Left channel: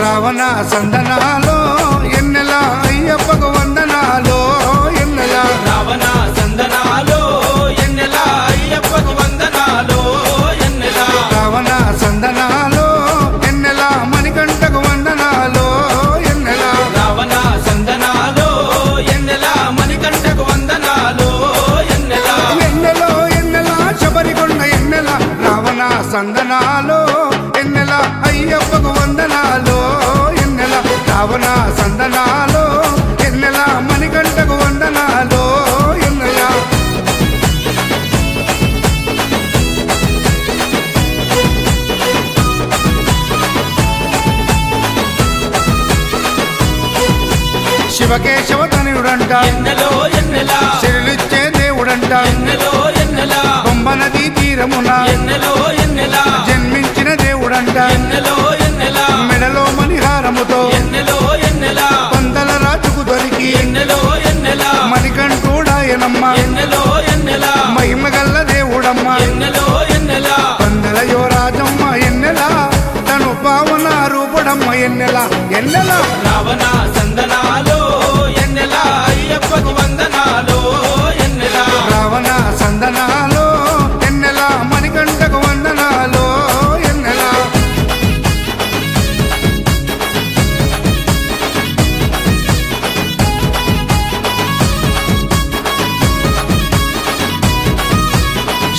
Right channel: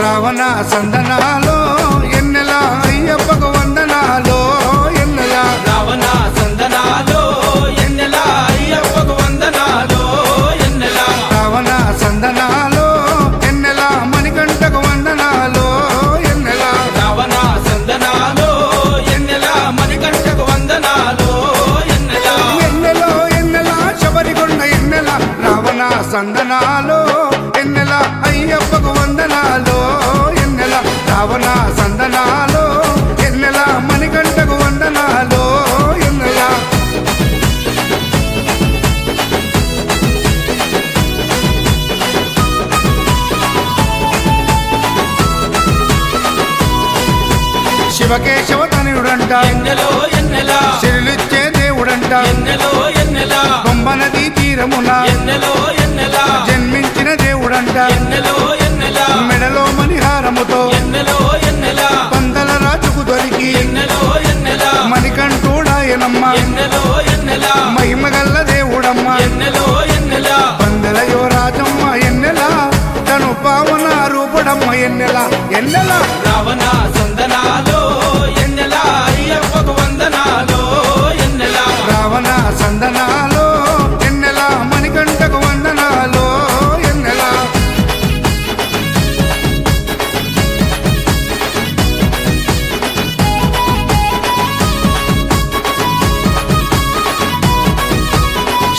రావణ సందనాలో ఎన్నెల అయ్యప్పకు వందనాలో ఎన్నెల రావణ సందనాలో ఎన్నెల అయ్యప్పకు వందనాలో ఎన్నెల రావణ సందనాలో ఎన్నెల మణికంఠకు వందనాలో ఎన్నెల రావణ సందనాలో ఎన్నెల మణికంఠకు వందనాలో ఎన్నెల ఎన్నెలో ఎన్నెల శబరికొండ ఎన్నెల రావణ సందనాలో ఎన్నెల అయ్యప్పకు వందనాలో ఎన్నెల రావణ సందనాలో ఎన్నెల మణికంఠకు వందనాలో ఎన్నెల శివకేశవ తనయుడంట ఎన్నెలో ఎన్నెల సిరులిచ్చే దేవుడంట ఎన్నెలో ఎన్నెల బొంబ నదీ తీరమున ఎన్నెలో ఎన్నెల జన్మించిన దేవుడంట ఎన్నెలో ఎన్నెల మెడలో మణిహారముతో ఎన్నెలో ఎన్నెల పందల రాజుకు దొరికి ఎన్నెలో ఎన్నెల మణికంఠుడాయనమ్మ ఎన్నెలో ఎన్నెల మహిమగల్ల దేవుడమ్మ ఎన్నెలో ఎన్నెల పందల యువరాజమ్మ ఎన్నెల తను పావన రూపుడమ్మ ఎన్నెల ఎన్నెల రావణ సందనాలో ఎన్నెల అయ్యప్పకు వందనాలో ఎన్నెల రావణ సందనాలో ఎన్నెల మణికంఠకు వందనాలో ఎన్నెల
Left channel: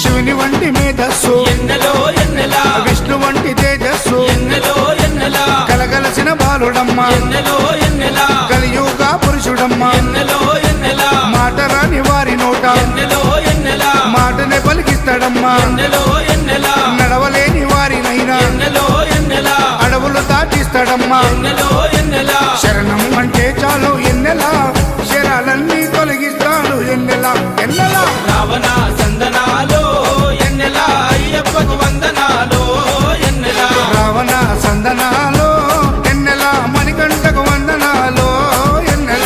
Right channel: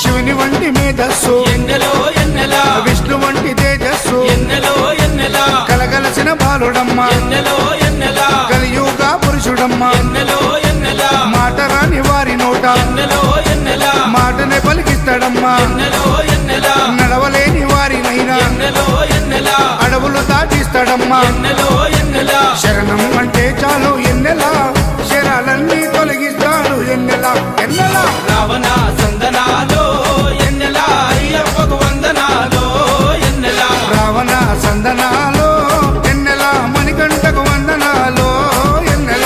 శివుని వంటి మేధస్సు ఎన్నెలో ఎన్నెల విష్ణు వంటి తేజస్సు ఎన్నెలో ఎన్నెల కలగలసిన బాలుడమ్మ ఎన్నెలో ఎన్నెల కలియుగ పురుషుడమ్మ ఎన్నెలో ఎన్నెల మాట రాని వారి నోట ఎన్నెలో ఎన్నెల మాటనే పలికిస్తాడమ్మా ఎన్నెలో ఎన్నెల నడవలేని వారినైనా ఎన్నెలో ఎన్నెల అడవులు దాటిస్తాడమ్మా ఎన్నెలో ఎన్నెల శరణం అంటే చాలు ఎన్నెల శరాలన్నీ తొలగిస్తాడు ఎన్నెల ఎన్నెల రావణ సందనాలో ఎన్నెల అయ్యప్పకు వందనాలో ఎన్నెల రావణ సందనాలో ఎన్నెల మణికంఠకు వందనాలో ఎన్నెల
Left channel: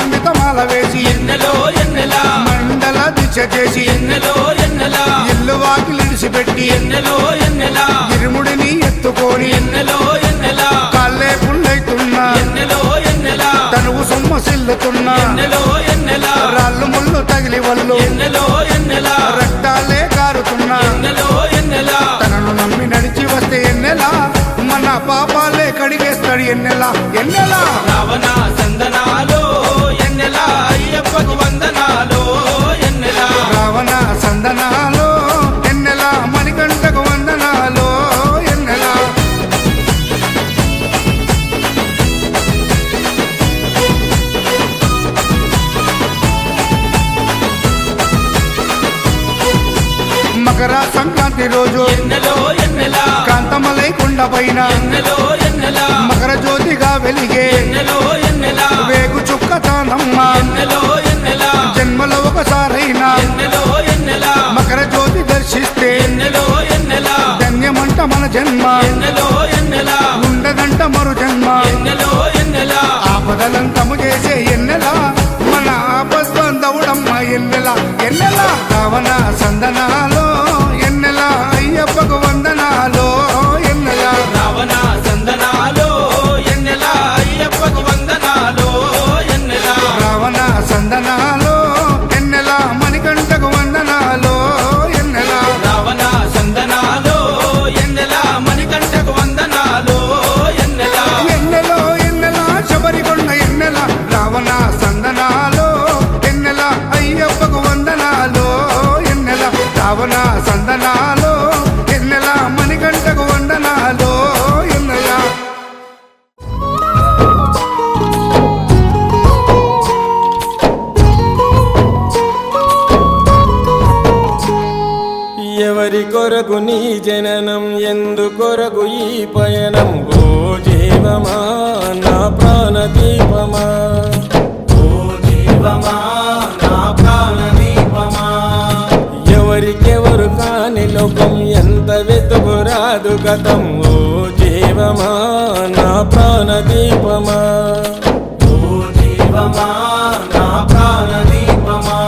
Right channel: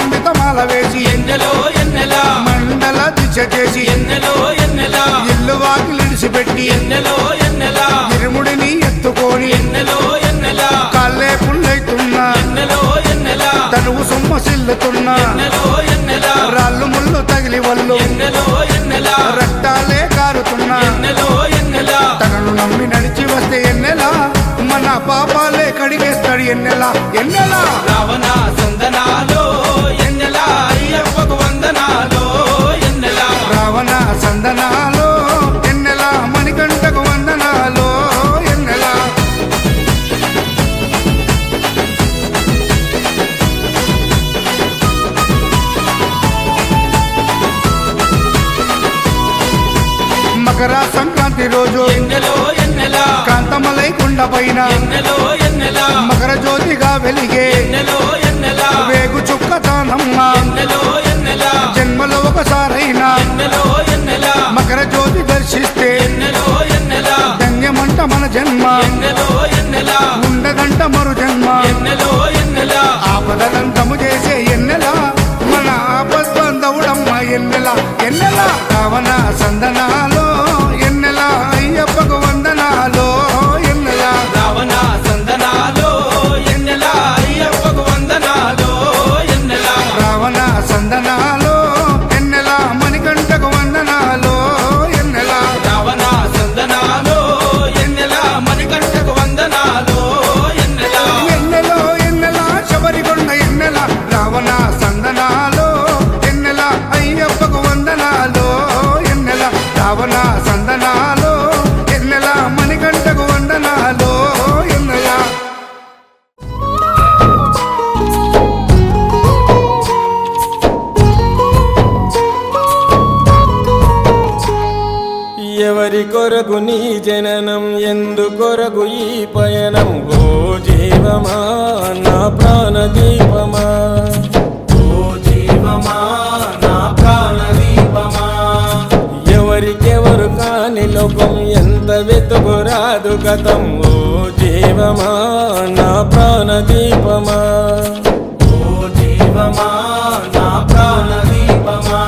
పంచాన్వితమాల వేసి ఎన్నెలో ఎన్నెలా మండల దీక్ష చేసి ఎన్నెలో ఎన్నెలా ఇల్లు వాకిలిడిసిపెట్టి ఎన్నెలో ఎన్నెలా ఇరుముడిని ఎత్తుకొని ఎన్నెలో ఎన్నెలా కాళ్ళే పుల్లైతున్నా ఎన్నెలో ఎన్నెలా తనువు సొమ్మసిల్లుతున్నా ఎన్నెలో ఎన్నెలా రాళ్ళు ముళ్ళు తగిలి వల్లు ఎన్నెలో ఎన్నెలా రక్తాలే కారుతున్నా ఎన్నెలో ఎన్నెలా తనను నమ్మి నడిచి వస్తే ఎన్నెలా మన పాపాలే కడిగేస్తాడు ఎన్నెలా ఎన్నెలా రావణ సందనాలో ఎన్నెలా అయ్యప్పకు వందనాలో ఎన్నెలా రావణ సందనాలో ఎన్నెలా మణికంఠకు వందనాలో ఎన్నెలా మకర సంక్రాంతి రోజు ఎన్నెలో ఎన్నెలా కాంతమలై కొండ పైన ఎన్నెలో ఎన్నెలా మకర జ్యోతిగా వెలిగే ఎన్నెలో ఎన్నెలా వేగు చుక్కతానమ్మ ఎన్నెలో ఎన్నెలా జన్మలో ఒకసారైనా ఎన్నెలో ఎన్నెలా మకర జ్యోతి దర్శిస్తే ఎన్నెలో ఎన్నెలా ధన్యమంట మన జన్మ ఎన్నెలో ఎన్నెలా ఉండదంట మరు జన్మ ఎన్నెలో ఎన్నెలా ఆపదలంతము చేసే ఎన్నెలా మన ఆపస్బంధవుడమ్మ ఎన్నెలా ఎన్నెలా రావణ సందనాలో ఎన్నెలా అయ్యప్పకు వందనాలో ఎన్నెలా రావణ సందనాలో ఎన్నెలా అయ్యప్పకు వందనాలో ఎన్నెలా రావణ సందనాలో ఎన్నెలా మణికంఠకు వందనాలో ఎన్నెలా రావణ సందనాలో ఎన్నెలా మణికంఠకు వందనాలో ఎన్నెలా ఎన్నెలో ఎన్నెలా శబరికొండ ఎన్నెలా రావణ సందనాలో ఎన్నెలా అయ్యప్పకు వందనాలో ఎన్నెలా రావణ సందనాలో ఎన్నెలా మణికంఠకు వందనాలో ఎన్నెలా ఎవరి కొరకు నీ జననం ఎందు కొరకు ఈ పయనం ఓ జీవమా నా ప్రాణదీపమా ఓ జీవమా నా ప్రాణదీపమా ఎవరికెవరు కాని లోకం ఎంత వెతుకురాదు గతం ఓ జీవమా నా ప్రాణదీపమా ఓ జీవమా నా ప్రాణదీపమా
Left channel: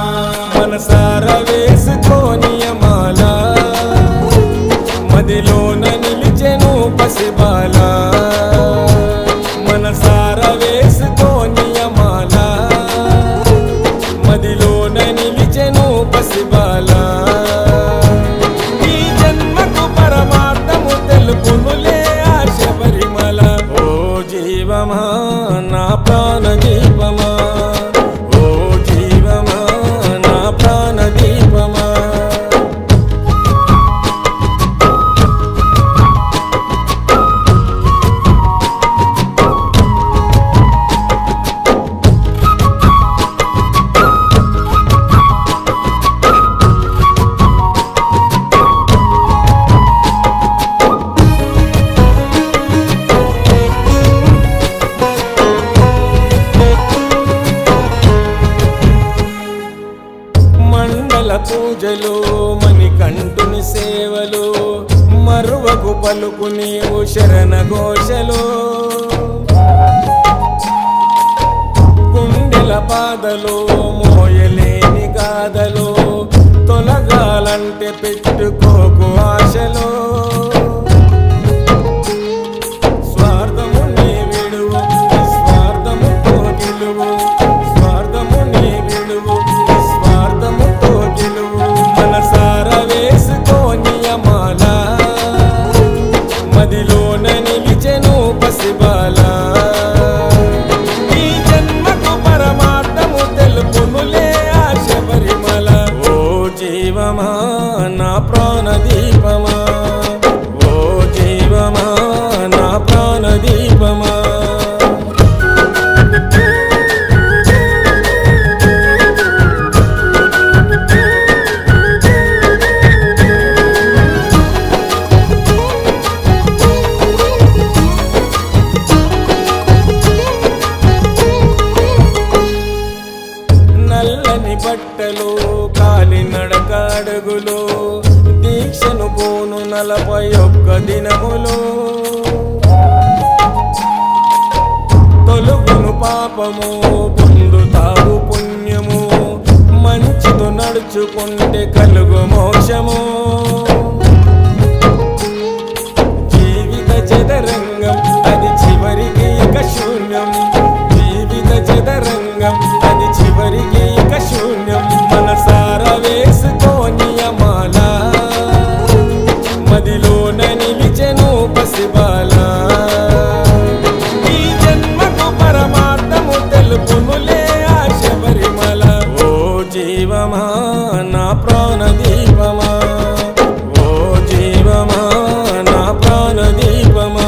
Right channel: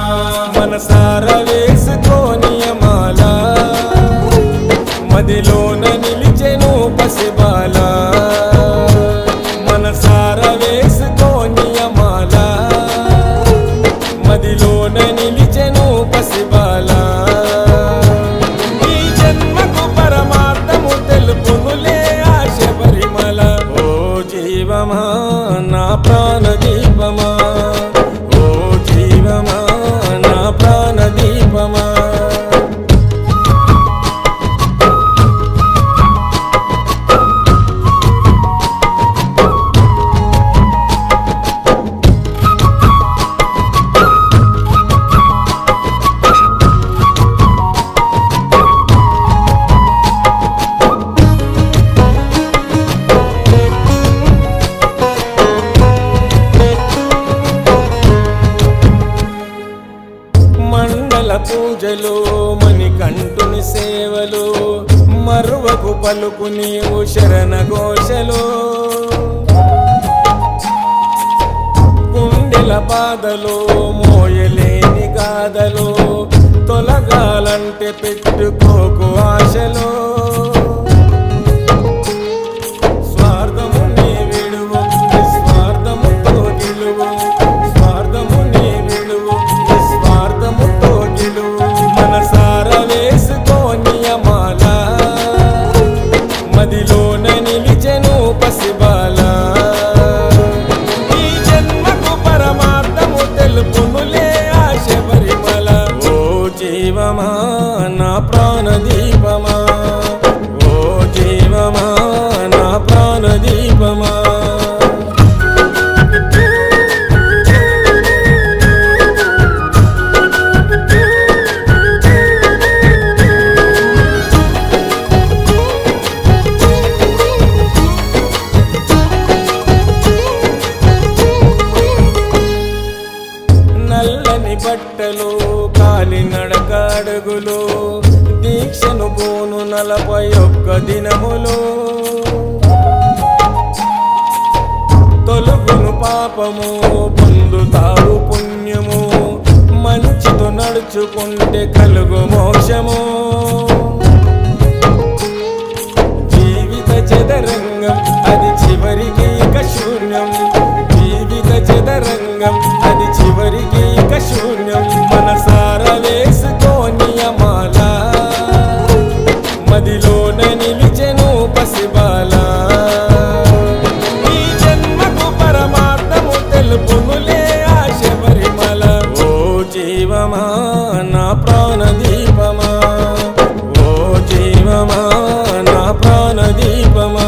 మనసార వేసుకోనియమాల మదిలోన నిలిచెను పసిబాల మనసార వేసుకోనియమాల మదిలోన నిలిచెను పసిబాల ఈ జన్మకు పరమార్థము తెలుపునులే ఆ శబరిమల ఓ జీవమా నా ప్రాణదీపమా ఓ జీవమా నా ప్రాణదీపమా మండల పూజలు మణికంఠుని సేవలు మరువకు పలుకు నీవు శరణ ఘోషలు గుండెల బాధలు మోయలేని గాథలు తొలగాలంటే పెట్టుకోకు ఆశలు స్వార్థము నీ విడువు నిస్వార్థముతో గెలువు స్వార్థము నీ విడువు నిస్వార్థముతో గెలువు మనసార వేసుకోనియమాల మదిలోన నిలిచెను పసిబాల ఈ జన్మకు పరమార్థము తెలుపునులే ఆ శబరిమల ఓ జీవమా నా ప్రాణదీపమా ఓ జీవమా నా ప్రాణదీపమా నల్లని బట్టలు కాలినడక అడుగులు దీక్షను పోను 41 దినములు తొలు తొలుగును పాపము పొందుతావు పుణ్యము మంచితో నడుచుకుంటే కలుగు మోక్షము జీవిత చదరంగం అది చివరికి ఇక శూన్యం జీవిత చదరంగం అది చివరికి ఇక శూన్యం మనసార వేసుకోని అమాల మదిలోన నిలిచెను పసిబాల ఈ జన్మకు పరమార్థము తెలుపునులే ఆ శబరిమల ఓ జీవమా నా ప్రాణదీపమా ఓ జీవమా నా ప్రాణదీపమా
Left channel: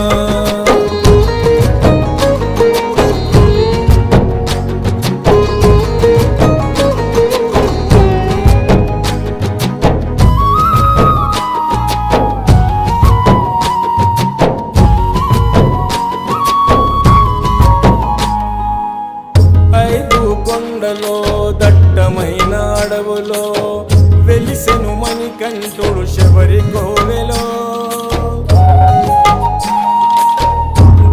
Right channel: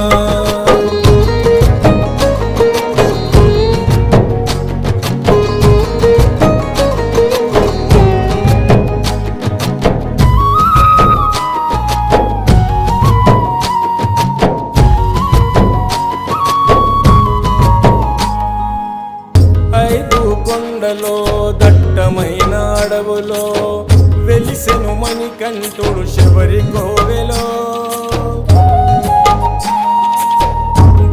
ఐదు కొండలో దట్టమైన అడవులో వెలిసెను మణికంఠుడు శబరి కోవెలో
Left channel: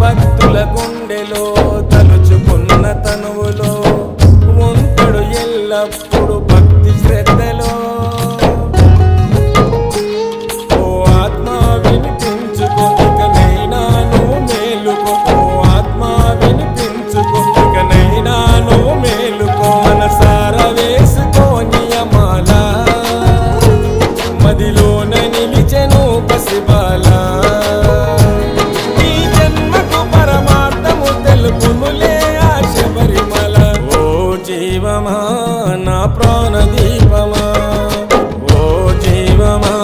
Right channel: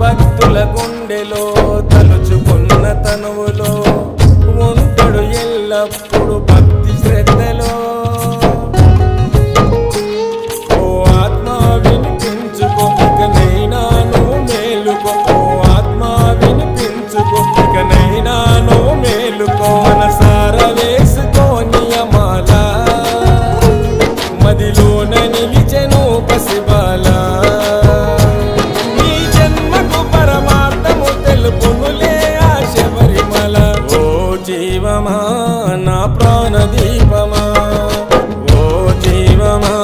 భక్తుల గుండెలో తలుచుకున్న తనువులో ఉంటాడు ఎల్లప్పుడు భక్తి శ్రద్ధలో ఓ ఆత్మ వినిపించుకో ఇకనైనా నువ్వు మేలుకో ఓ ఆత్మ వినిపించుకో ఇకనైనా నువ్వు మేలుకో మనసార వేసుకోని అమాల మదిలోన నిలిచెను పసిబాల ఈ జన్మకు పరమార్థము తెలుపునులే ఆ శబరిమల ఓ జీవమా నా ప్రాణదీపమా ఓ జీవమా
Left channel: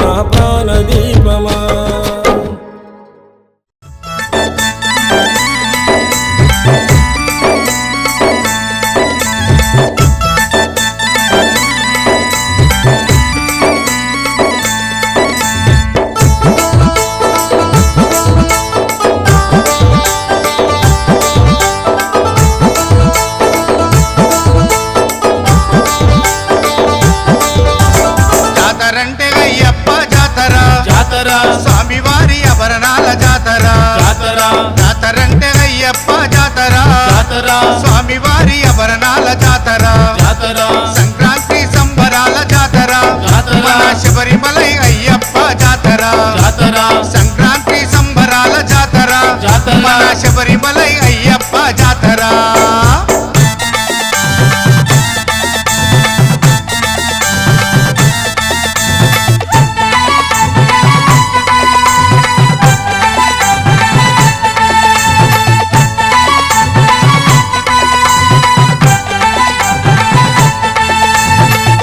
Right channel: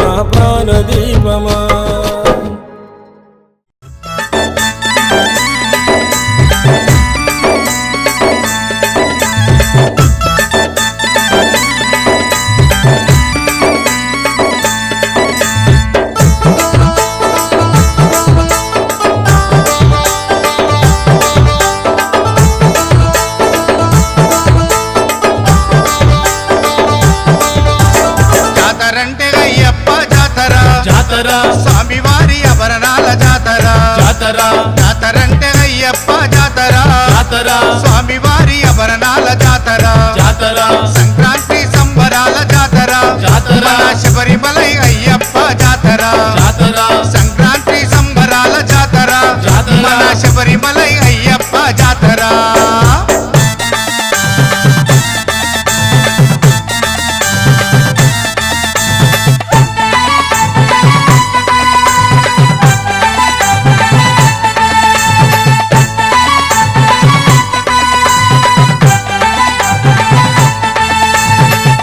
నా ప్రాణదీపమా జాతరంటే అయ్యప్ప జాతర జాతర స్వామివారి ఆభరణాల జాతర జాతర జాతరంటే అయ్యప్ప జాతర జాతర స్వామివారి ఆభరణాల జాతర జాతర సంక్రాంతి సంబరాల జాతర జాతర మన శబరిమలై అయ్యప్ప జాతర జాతర సంక్రాంతి సంబరాల జాతర జాతర మన శబరిమలై అయ్యప్ప జాతర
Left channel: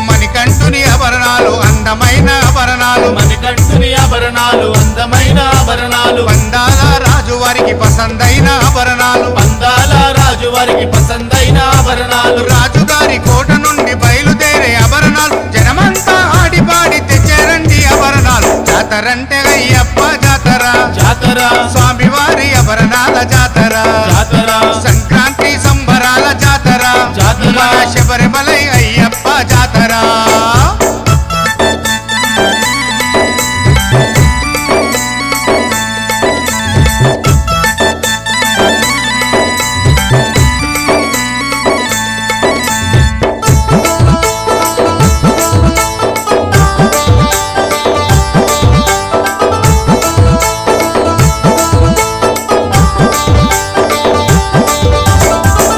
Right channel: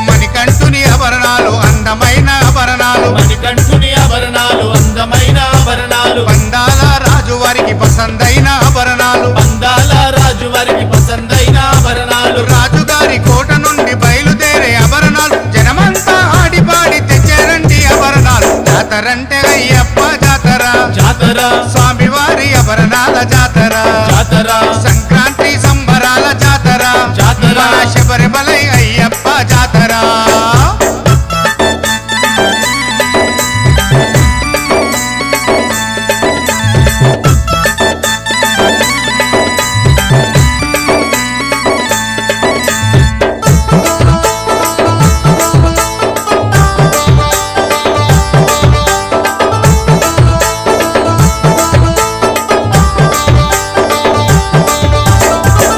మణికంఠుని ఆభరణాలు అందమైన ఆభరణాలు మణికంఠుని ఆభరణాలు అందమైన ఆభరణాలు పందాల రాజు వారికి పసందైన ఆభరణాలు అందాల రాజు వారికి పసందైన ఆభరణాలు రాజుగారి కోట నుండి బయలుదేరే ఆభరణాలు జనమంతా ఆడిపాడి తెచ్చారండి ఆభరణాలు జాతరంటే అయ్యప్ప జాతర జాతర స్వామివారి ఆభరణాల జాతర జాతర సంక్రాంతి సంబరాల జాతర జాతర మన శబరిమలై అయ్యప్ప జాతర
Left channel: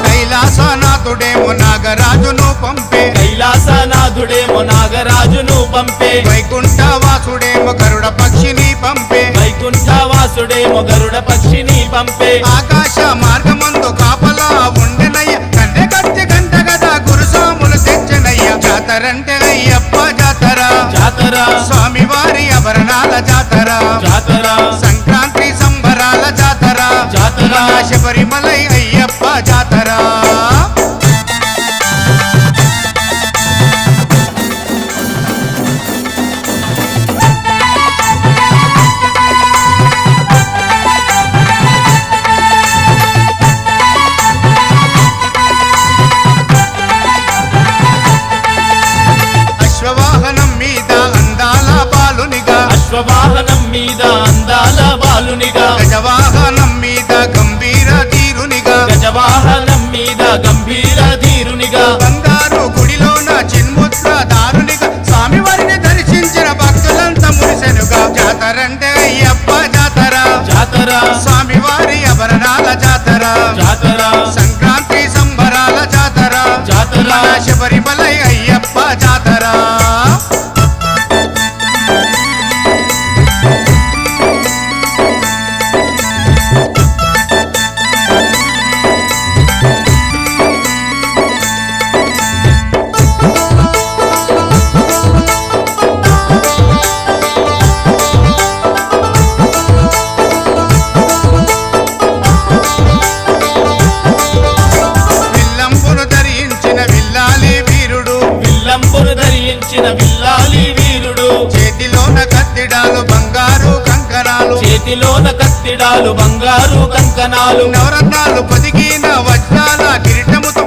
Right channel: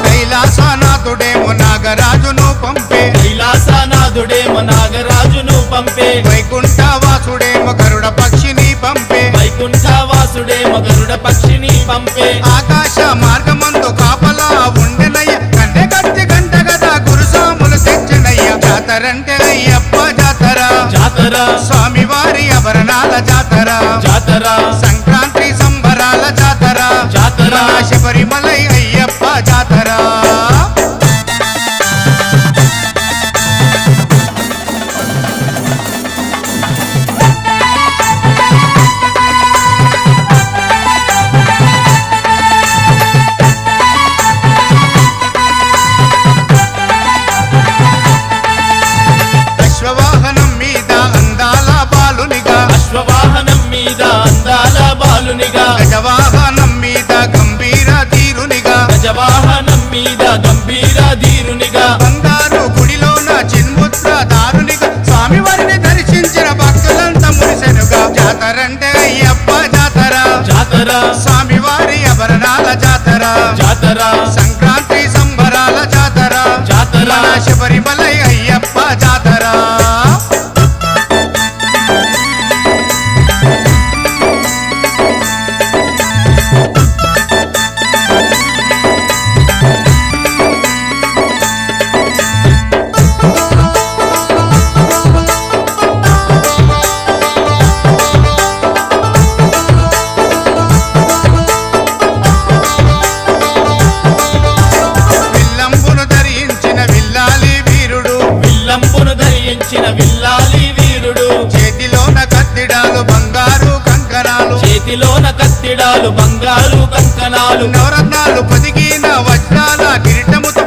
కైలాసనాథుడేమో నాగరాజును పంపే కైలాసనాథుడేమో నాగరాజును పంపే వైకుంఠవాసుడేమో గరుడ పక్షిని పంపే వైకుంఠవాసుడేమో గరుడ పక్షిని పంపే ఆకాశ మార్గమందు కాపలా ఉండెనయ్య కంటే కత్తి గంట గదా గురుసాములు తెచ్చనయ్య జాతరంటే అయ్యప్ప జాతర జాతర స్వామివారి ఆభరణాల జాతర జాతర సంక్రాంతి సంబరాల జాతర జాతర మన శబరిమలై అయ్యప్ప జాతర అశ్వవాహనం మీద అందాల బాలునిగా అశ్వవాహనం మీద అందాల బాలునిగా గజవాహనం మీద గంభీర తీరునిగా గజ బంగారు కంకణాలు నవరత్నాలు పొదిగిన వజ్రాల కిరీటముతో